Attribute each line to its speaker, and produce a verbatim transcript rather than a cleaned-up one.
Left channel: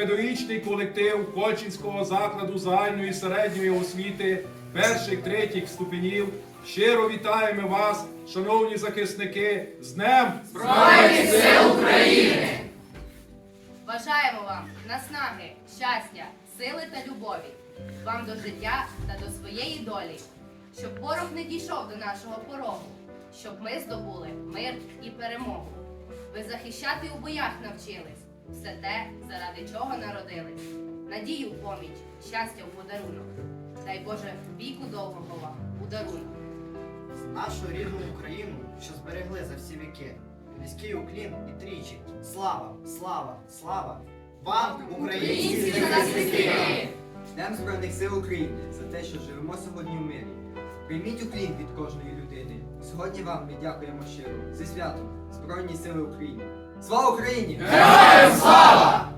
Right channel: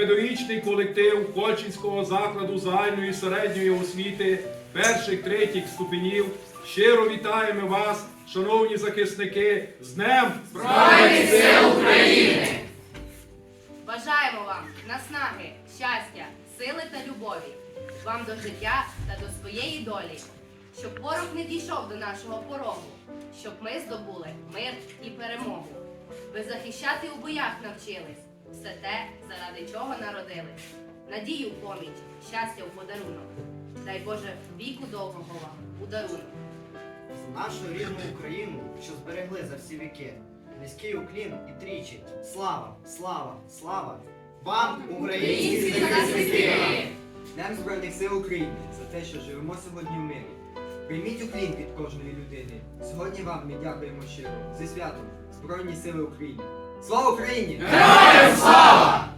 Speaker 1: педагогічний колектив Кольчинського закладу загальної середньої освіти перших третіх ступенів щиро вітаємо вас, шановні захисники, з Днем
Speaker 2: Збройних сил України!
Speaker 3: Бажаємо вам наснаги, щастя, сили та любові, вам до життя та до своєї долі, щоб ворог не дійшов до нашого порогу, щоб ми здобули мир і перемогу. Ви захищати у боях навчились, все те, заради чого народились. Надію в поміч, щастя в подарунок. Дай Боже віку довгого вам у дарунок.
Speaker 4: Нашу рідну Україну, що зберегли за всі віки. Низький уклін і тричі. Слава, слава, слава вам, українські захисники!
Speaker 5: Днем Збройних сил України за те, що живемо сьогодні в мирі. Прийміть уклін від кожної людини. Сьогодні вам ми дякуємо щиро. Зі святом Збройні сили України. Слава Україні!
Speaker 2: Героям слава!